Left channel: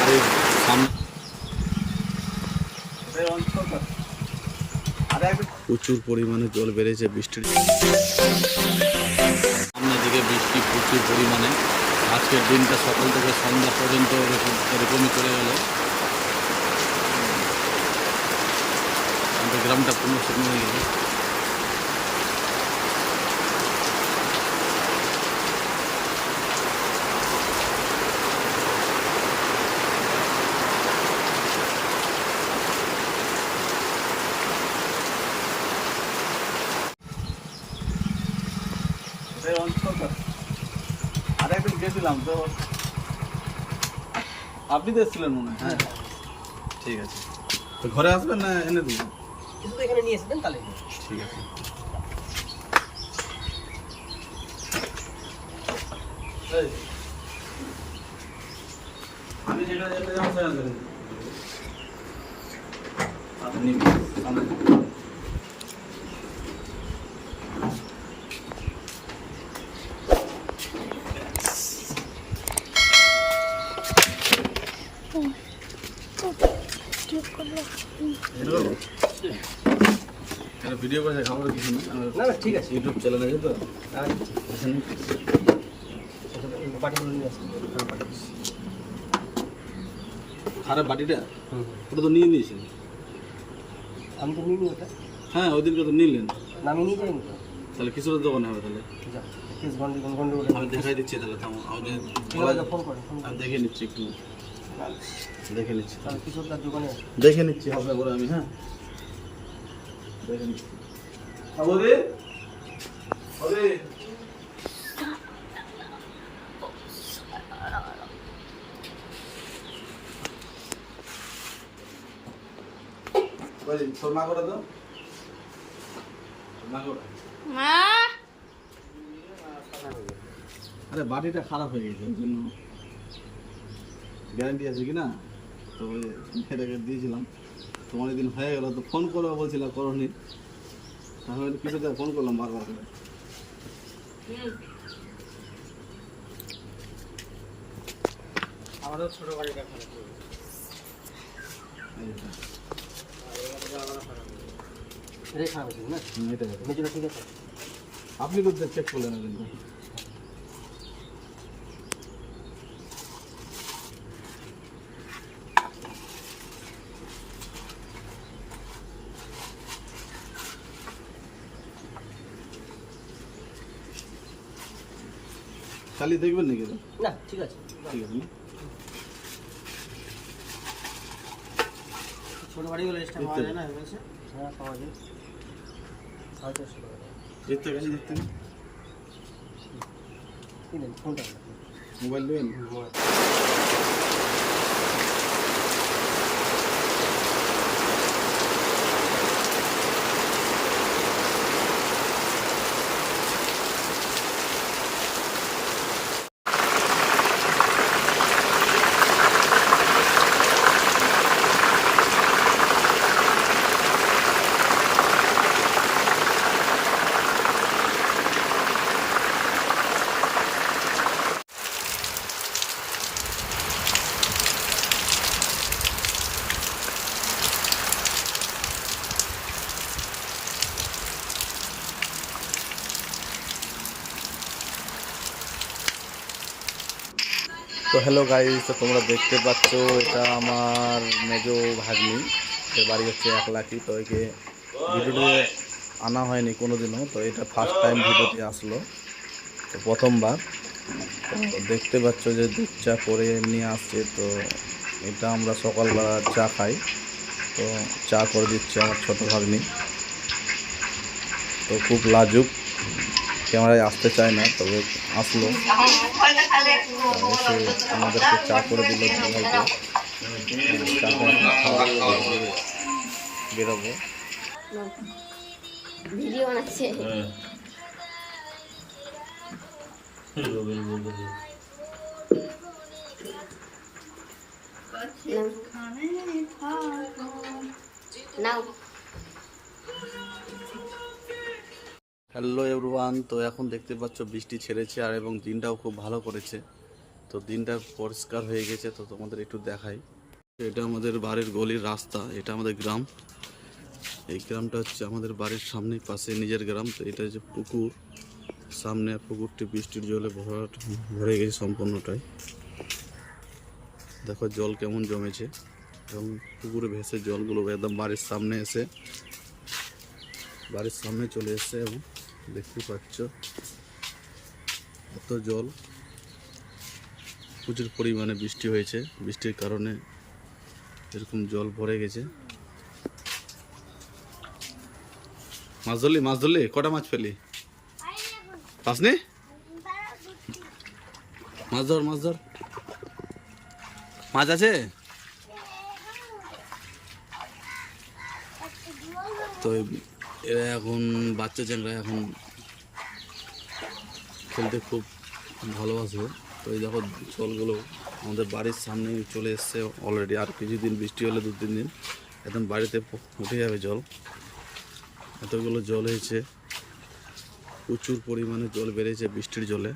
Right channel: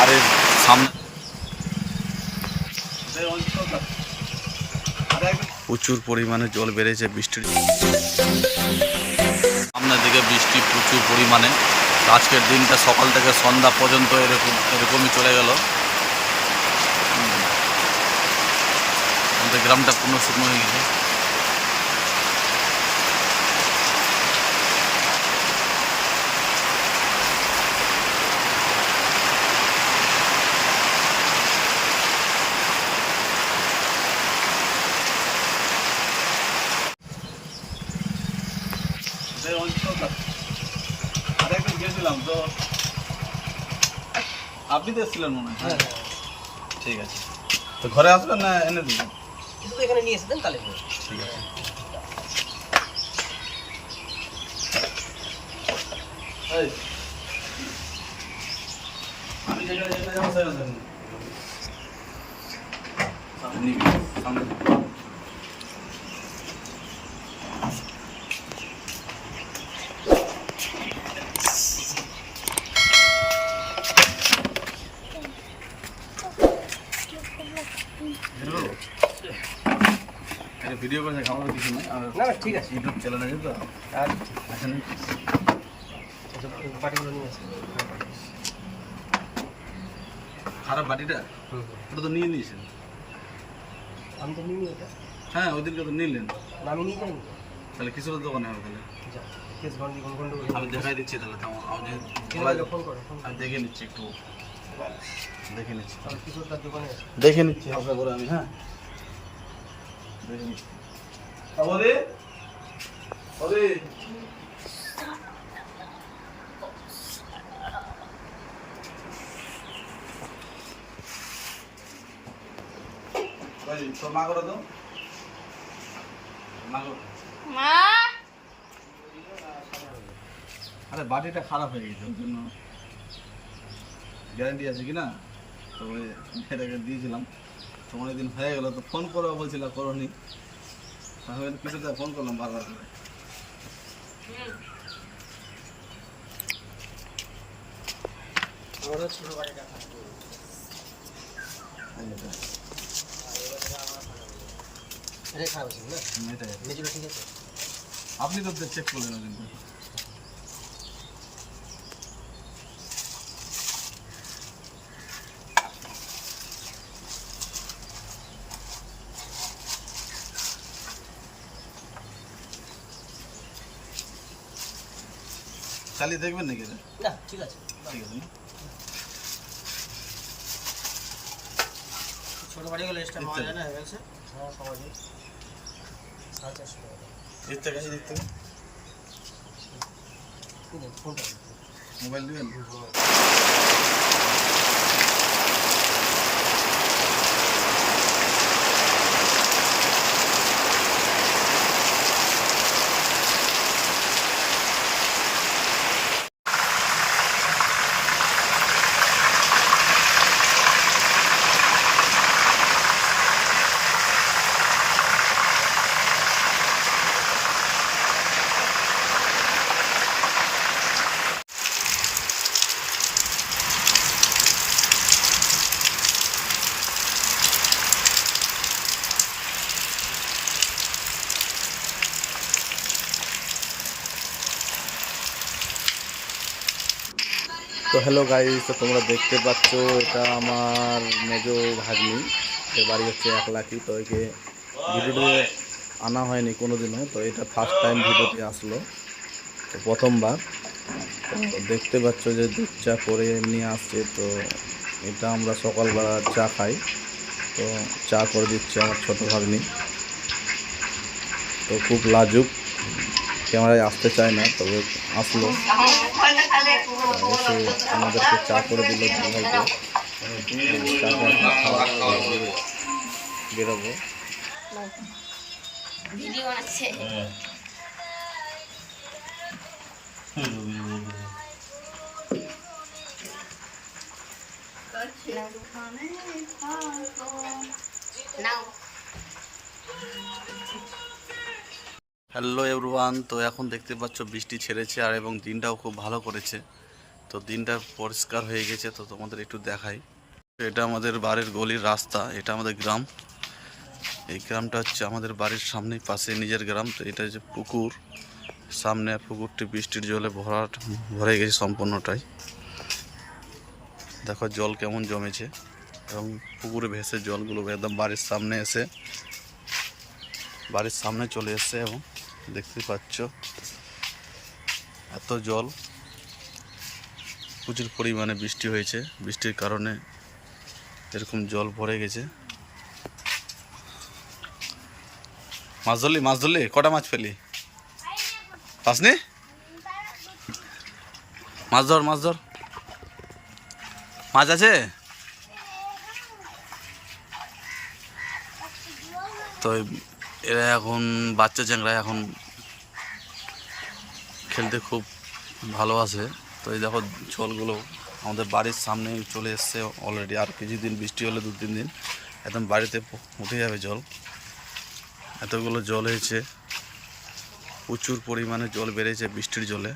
আর এর সামনে প্রচুর পরিমাণে জল বেড়েছে বৃষ্টির সামনের দিকে বৃষ্টি প্রচুর পরিমাণে। আজকের দিনটা সকাল থেকে সন্ধ্যা পর্যন্ত এরকমই চলে গেল। আমাদের গ্রামটা পূর্ণ শুকনো হয়ে গেছে। গেছিলাম তো, আপনি তো এসেছিলেন মনে হয়। হ্যাঁ ঠিক আছে, তো ঘরে আসবেন না এনে দেবো? কিছু তো এখানে নিয়ে এসেছেন তাহলে ঠিক আছে। আমি যেটা যাবো আপনি সামনে ভিডিও করে খাবার কিছু না, না না ঠিক আছে, ইউটিউব চ্যানেল আছে তো। আর এখানে বাটিগুলো নিয়ে আসেন। খারাপ বাটিটা ওটা তো নিয়ে নিয়েছেন। আমি তো নিইনি ওটা। হ্যাঁ ওদিনকে তো নিলেন, না আমি নিয়ে যাইনি। তাহলে কিছুর দোকানে হবে তাহলে। আমি দেখাই দিচ্ছি তাহলে। ফোন করো, আমি দেখে নিচ্ছি একটু, দেখে নিচ্ছি, তাহলে কিছুর তার দোকানে আছে। দেখে নিচ্ছি হবে বলে আমি। হ্যাঁ দেখে নিচ্ছি। হবে হবে তোর মা করে দাও, মা করে। আরে বাটিটা খারাপ হয়ে গেছে, ওর জন্য গ্যারান্টি আছে কি না, তবে এটাকে দিয়েছিলাম তো অনেকদিন হয়ে গেল, তো ফোন করবো বলছিলাম করোনি, তাহলে কিছুটা ফোন করলাম বারবার করে। আমারও ছোট বাড়িটা খারাপ এটাই খারাপ আছে না, এটাই মেজুরা ঠিক আছে। আপনি তো চেক করলেন কিন্তু। চালিয়ে দেখবেন নাকি এটা? না ঠিক আছে, ঠিক আছে না, ছোট বাড়ি গেলে এক্সট্রা পাওয়া যায় না হেভেলসে। হ্যাঁ পাওয়া যায় 450 টাকা। এর থেকে দেখতে দিন ফোনটা মোবাইল দেবেন। তো হ্যালো গাইস, তো তোমরা দেখতে পাচ্ছ এটা আমার মেজো ভাগ্নি, এর বাড়ি হচ্ছে 1 লাখি। তো একে ভিডিওতে আনা হয়নি কোনোদিনও, তো এটা ফার্স্ট টাইম ভিডিওতে আসলো, তো প্রথমবার। তো দেখতে পাচ্ছ যে দুধ চা করে নিয়ে আসছে, তো এটা আমরা সকালবেলা চা খাই, তো চা করে দিচ্ছে আমার ছোটো ভাগ্নি। তো খুব লাজুক, ক্যামেরায় আসতে চায় না, তবে আসলো, এসে আমাদেরকে চা করে দিল ভাইকে। চা করে বেরোবো। ভিডিও বানাচ্ছে। হ্যালো এভরিওয়ান, তো এখন দেখতে পাচ্ছ বৃষ্টি ছেড়েছে আর এবং দিনটাও খুব ভালো করেছে। তো দিনটা পরিষ্কার হয়ে গেছে, তো তোমাদের একটু দেখাই। এটা আমাদের বাড়ির গলির রাস্তা, এটা আমাদের গ্রাম। এই গ্রামটা হচ্ছে আমাদের বাড়ির সামনেই, পাশে নিজের গ্রাম। তো এটা যে পুকুর সামনে, পুকুরটি বৃষ্টির জলে ভরে গেছে সম্পূর্ণটাই। দেখো জল কেমন জমেছে, এবং পুকুরে ভেসে জলগুলো একদম বাড়ির সামনে এসে বাড়ির সামনে চলে এসছে, এবং দেখতে পাচ্ছ এত জল। প্রচুর পরিমাণে বৃষ্টি হয়েছে, বৃষ্টির কারণে এরকম জল ভরে গেছে। মাছ ধরলি কটা মাছ পেলি? পাসনি? মাছ ধর মাছ আছে। তো এরা এখন বাচ্চা চ্যাংরা এখন খেলতে খুব ভালোবাসে। তো এই দেখো জলগুলো আমাদের বাড়ির সামনে চলে এসছে অলরেডি। আর কিছুদিন বৃষ্টি হলে 2-3 দিন একদম বাড়িতে উঠে যাবে জল। এতগুলো জল হয়েছে, প্রচুর পরিমাণে জল বেড়েছে বৃষ্টির জলে।